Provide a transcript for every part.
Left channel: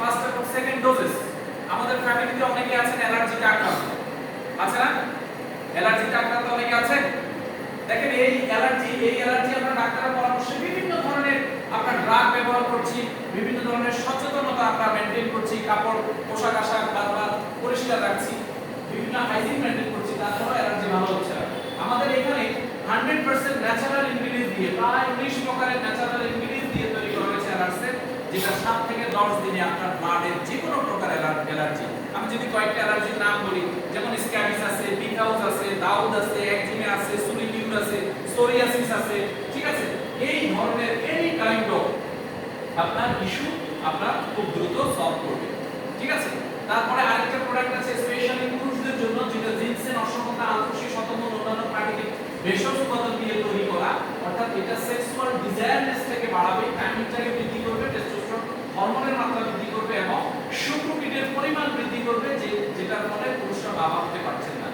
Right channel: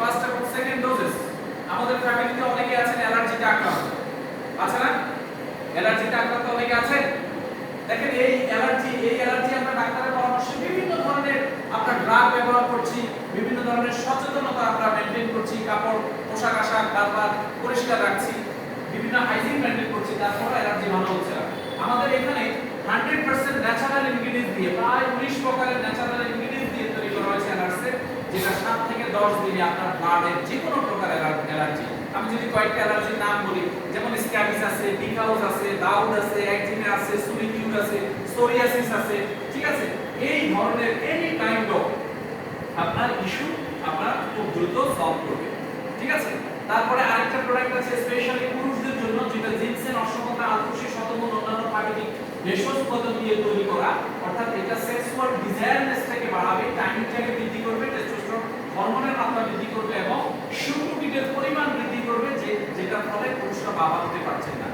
First এবং second doses আমাদের ফ্যামিলিতে অনেকে আছেন অ্যালার্জিতে আক্রান্ত। আছে না? অ্যালার্জিতে আক্রান্ত অনেকে আছেন? দেখেন, এই অ্যালার্জি এই অ্যালার্জি আমরা ডাক্তারের পরামর্শে বিভিন্ন ধরনের আপনার ড্রাগ ব্যবহার করছি, বিভিন্ন ধরনের সচেতনতা আমরা মেনটেন করছি, কাপড়, পোশাক আশাক বারবার পরিষ্কার রাখছি, বিভিন্ন হাইজিন মেনটেন করছি তারপরে অ্যালার্জি ভালো হচ্ছে না। আমাদের এখানে হান্ড্রেড পার্সেন্ট ন্যাচারাল ইনগ্রিডিয়েন্ট দিয়ে, প্রায় উনিশ প্রকারের ন্যাচারাল ইনগ্রিডিয়েন্ট থেকে দশ দিনে আপনার ব্লাডের যে কোনো প্রকার অ্যালার্জি। আমি যদি কয়েকটা অ্যালার্জির নাম বলি, যেমন স্ক্যাবিস আছে বিকাউস আছে, দাউদ আছে, একজিমে আছে সুলিটিউড আছে, সোরিয়াসিস আছে, ঠিক আছে? এই ধরনের এনি কাইন্ড অফ আপনার ইস্যু আপনার খুব দ্রুত সলভ করবে, ঠিক আছে? তারপরে আরেকটা প্রোডাক্ট আছে স্পেশালি পুরুষদের জন্য, যেটা জিনসেন অশ্বগন্ধা আলফুসি শতমূল অন্যান্য প্রাকৃতিক ভেষজ উপাদান দিয়ে তৈরি করা, অর্থাৎ এটা সেক্সুয়াল ডিজায়ারনেসটাকে বাড়াবে টাইমিংটাকে বৃদ্ধি করবে টেস্টোস্টেরন হরমোনের মাত্রা বৃদ্ধি করবে এবং শুক্রকিটের পরিমাণ বৃদ্ধি করবে যে ফলে পুরুষরা বাবা হতে পারছেন না।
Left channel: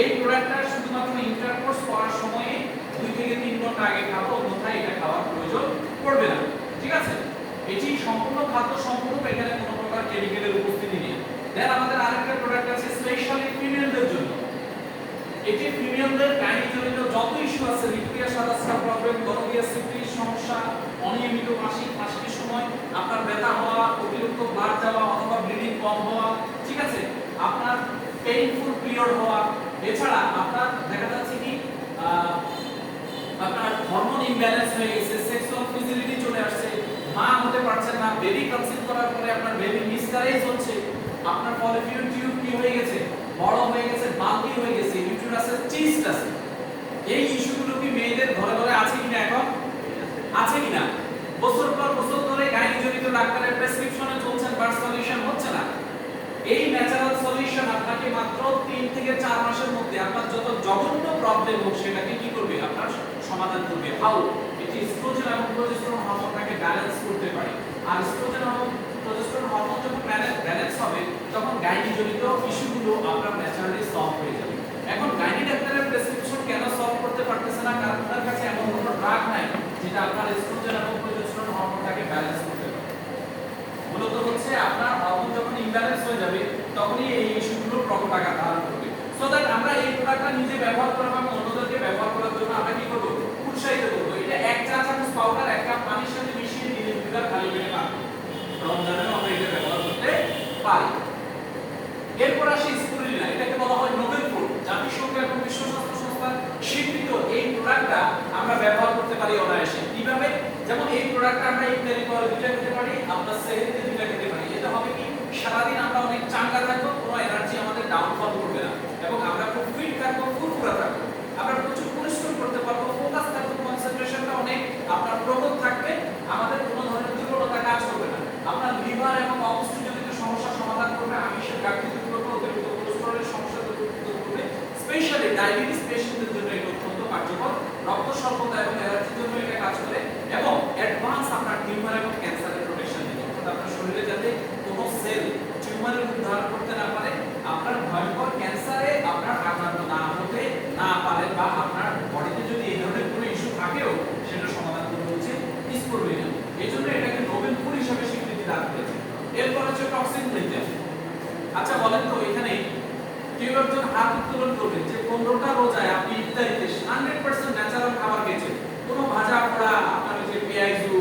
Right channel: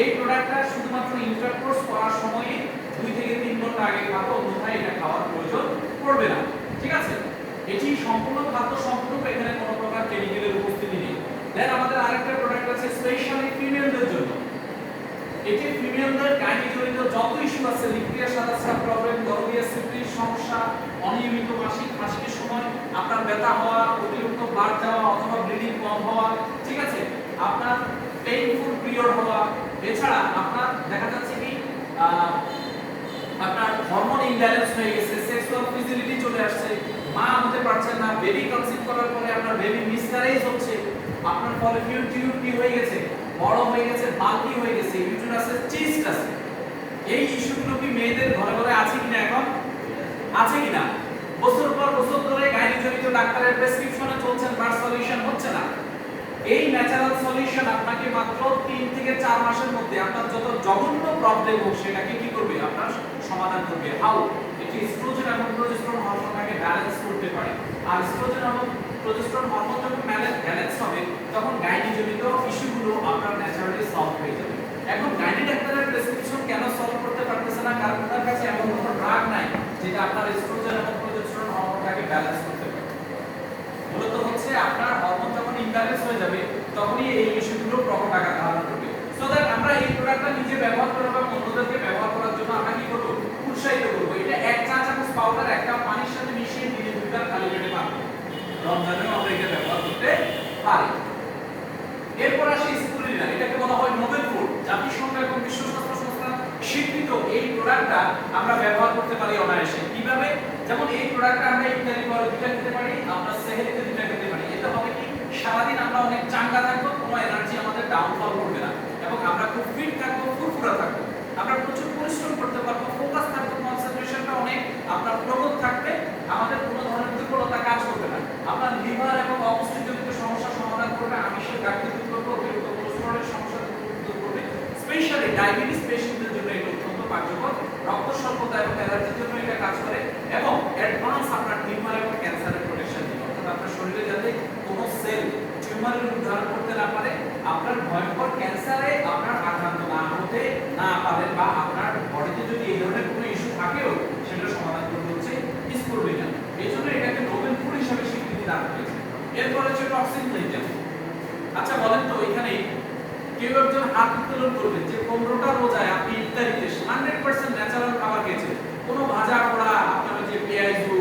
এই প্রোডাক্টটা শুধুমাত্র ইন্টারকোর্স করার সময়ে দুই থেকে তিন ঘণ্টা আগে খাব, অন্যথায় এটা খাওয়ার প্রয়োজন পড়বে না। ঠিক আছে? এটি সম্পূর্ণ খাদ্য, সম্পূর্ণ এখানে কোনো প্রকার কেমিক্যালের উপস্থিতি নেই। দেন আমাদের আরেকটা প্রোডাক্ট আছে স্পেশালি ফিমেলদের জন্য। এটি ফিমেলদের গাইনি জনিত যত ইস্যু আছে লিকুইড সাদাসা প্রবলেম গর্ভীয় সিপ্রিস সমস্যা, অনিয়মিত মাসিক মাসিকের সময়, আপনার ব্যথা হওয়া, অতিরিক্ত ব্লাড যাওয়া অথবা ব্লিডিং কম হওয়া, ঠিক আছে? আপনার পেইনফুল পিরিয়ড হওয়া এছাড়া আপনার দেখা যাচ্ছে কি আপনার হরমোন ইমব্যালেন্স হয়ে গেছে সেক্সুয়াল ফিজিলিটি চলে আসছে, মা হতে পারছেন না বেবি কনসিভ করার পরে আপনার বেবি মিসক্যারেজ হচ্ছে, আপনার ফলিকিউল টিউব কি হয়ে গেছে, বড় হয়ে গেছে বাল্কি হয়ে গেছে ইউটেরাসের চিস্ট আছে। এই ইস্যুগুলো কি মেয়েদের ঘরে ঘরে আছে কিনা এখন? আছে কিনা? বছর পর বছর ধরে গাইনিজনিত ডাক্তারের প্রেসক্রিপশনে চলছেন বাট সলিউশন হচ্ছে না। এই ন্যাচারাল সলিউশন আপনাকে মাত্র 3 থেকে 4 মাসের মধ্যে আপনার যত জঘন্য প্রবলেম হোক সেটাকে কি করবে? আপনার সমাধান করবে। হাউ এটি স্ট্রোজেন এবং প্রোজেস্টেরন হরমোনটাকে ব্যালেন্স করতে পারে। আর স্ট্রোজেন এবং প্রোজেস্টেরন হরমোন যখন ব্যালেন্স হবে, তখন গাইনিজনিত ইস্যুগুলো আপনার ন্যাচারালি সলভ হয়ে যাবে। এখন গাইনি ডাক্তারের প্রেসক্রিপশন কেন সলভ করতে পারতেছে না কারণ ওনার কাছে এমন কোনো ড্রাগ নাই যেটা আপনার এস্ট্রোজেন এবং প্রোজেস্টেরন হরমোনটাকে ব্যালেন্স করতে পারে মূলত হচ্ছে আপনার হরমোন যখন ইমব্যালেন্স হয়ে যাবে তখনই এই প্রকট আকার ধারণ করবে। সো দ্যাট আমরা এই প্রোডাক্টটা নিজে ব্যবহার করব এবং অন্যদেরকে ব্যবহার করার জন্য আমরা কি করব? উৎসাহিত করব। এটা এক চা চামচ পাউডার একটা পানির সাথে মিশিয়ে দিনে দুবার খালি পেটে পাবো রমজানেও আমরা এটা ব্যবহার করতে পারি। এরপর আসি স্পুলিনা এটাকে বলা হয় নোবেল ফুড জাতিসংঘ এবং বিশ্ব স্বাস্থ্য সংস্থার স্বীকৃত এই প্রোডাক্টটা আমরা ব্যবহার করতে পারি অনায়াসে। কীভাবে? যেমন এই প্রোডাক্টটা আমরা ইত্যাদি করে দুইটা খেতে পারি আমরা সেহেরিতে দুইটা খেতে পারি এতে হবে কি সারাদিন আমরা অনেক চাঙ্গা থাকব কোনো এনার্জি আমাদের ডাউনফল করবে না। এবং আমরা খুব ফিট থাকব, ফুরফুরা থাকব। আমরা প্রচুর পরিশ্রম করতে পারব ফোকাস থাকব কনসেন্ট্রেশনটা অনেক, আপনার প্রগত থাকবে। আমাদের কোনো ধরনের দুর্বলতা কাজ করবে না। আপনার লিভার এবং অপুষ্টিজনিত সমস্যার সমাধান করবে, আমিষের ঘাটতি দূর করবে, অতিরিক্ত কোলেস্টেরলের সমস্যা দূর করবে। স্পেশালি ডায়াবেটিস পেশেন্টদের জন্য এটা অত্যন্ত কার্যকর। রক্ত স্বল্পতা এবং অ্যালার্জির জন্য এটা কাজ করে এবং অ্যাডভান্স আপনার টিউমার এবং ক্যান্সারের প্রোটেকশন দিবে অর্থাৎ আপনার শরীরে যাতে কোনো সেল টিউমারের রূপ ধারণ করতে না পারে আপনার ভয়ঙ্কর ক্যান্সারে আপনার আক্রান্ত না হতে না পারেন বা আপনার বডিতে যদি এই ধরনের কোনো ইস্যু থাকেও, সেটা সমাধান করতে হচ্ছে স্কুরবিনা এই জন্য এটাকে নোবেল ফুড হিসেবে স্বীকৃতি দান করেছে। এরপর হচ্ছে টক্সিন ক্লিনজার আচ্ছা বলেন তো, এখানে কেউ একজন হাত উত্তোলন করবেন যে পনেরোটা রোজায় আপনি ইফতারিতে হান্ড্রেড পার্সেন্ট ন্যাচারাল খাবার খেয়েছেন। কোনো ভাজা পোড়া, আপনার যে পেঁয়াজু,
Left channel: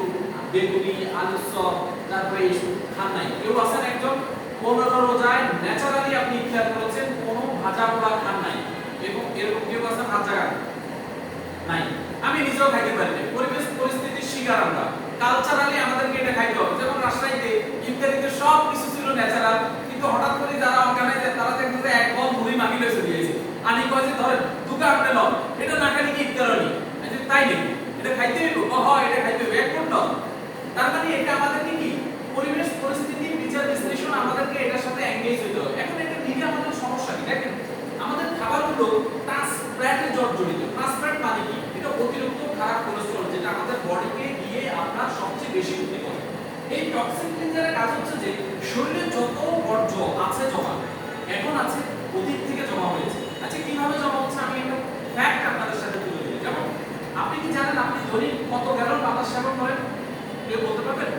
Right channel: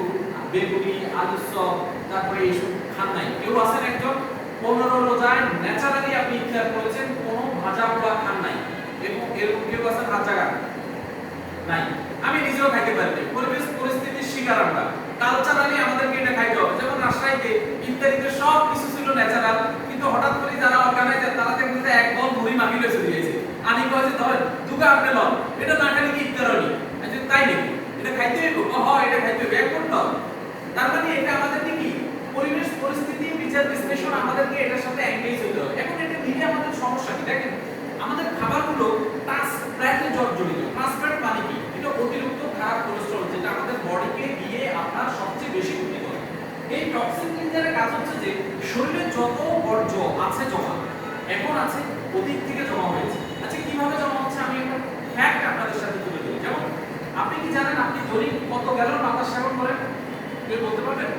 বেগুনি, আলুর চপ, তারপরে এইসব খান নাই। কেউ আছেন একজন? পনেরো রোজায় ন্যাচারালি আপনি ইফতার করেছেন, কোনো ভাজা পোড়া এরকম কেউ আছেন হাত জায়গা নাই। আমি নিজেও খাইতে পারি। পরিবেশ, পরিস্থিতির শিকার আমরা। কালচারালি আমাদেরকে এটা খাইতে হবে। যেমন রাজশাহীতে ইত্যাদিতে সব কিছু ছিল ন্যাচারাল কিন্তু হঠাৎ করে যারা অর্গানাইজার তারা দেখতে যে এক বল মুড়ি মাখিলে চলে গেছে। আনি কয় যে ধরেন, দুগা আপনি লন এটা না খালি কি ইফতার হয়নি? তাই নাকি? এটা খাইতে হইব? ও এটা খাইতে হইব। এক কোনটা তার মানে এটা আমাদেরকে কি? পরিবেশ, পরিস্থিতি, বিচার, বিশ্লেষণ আমাদেরকে এটার সাথে এঙ্গেজ হতে হবে। এখন এটা নিয়ে আমাদের সমস্যা কি দেখেন আমাদের খাবারগুলো ট্রান্সফ্যাটে জর্জরিত ট্রান্সফ্যাট মানে কি এটা অতিরিক্ত খারাপ কোলেস্টেরল যেটা আমাদের বডিকে গিয়ে আপনার সবচেয়ে বেশি ক্ষতি করে। এই টক্সিন ক্লিনজারের কাজ হচ্ছে যে, শরীরে যত বর্জ্য আছে জমা, এখন আছে অতীত থেকে জমা হয়েছে। আচ্ছা কীভাবে জমা হচ্ছে? আমি একটা ফ্যাক্ট আপনাদের সাথে তুলে দিই যেমন, আপনি কি জানেন আপনি দৈনিক কত গ্যালন বাতাস সেবন করেন? কেউ বলতে পারবেন?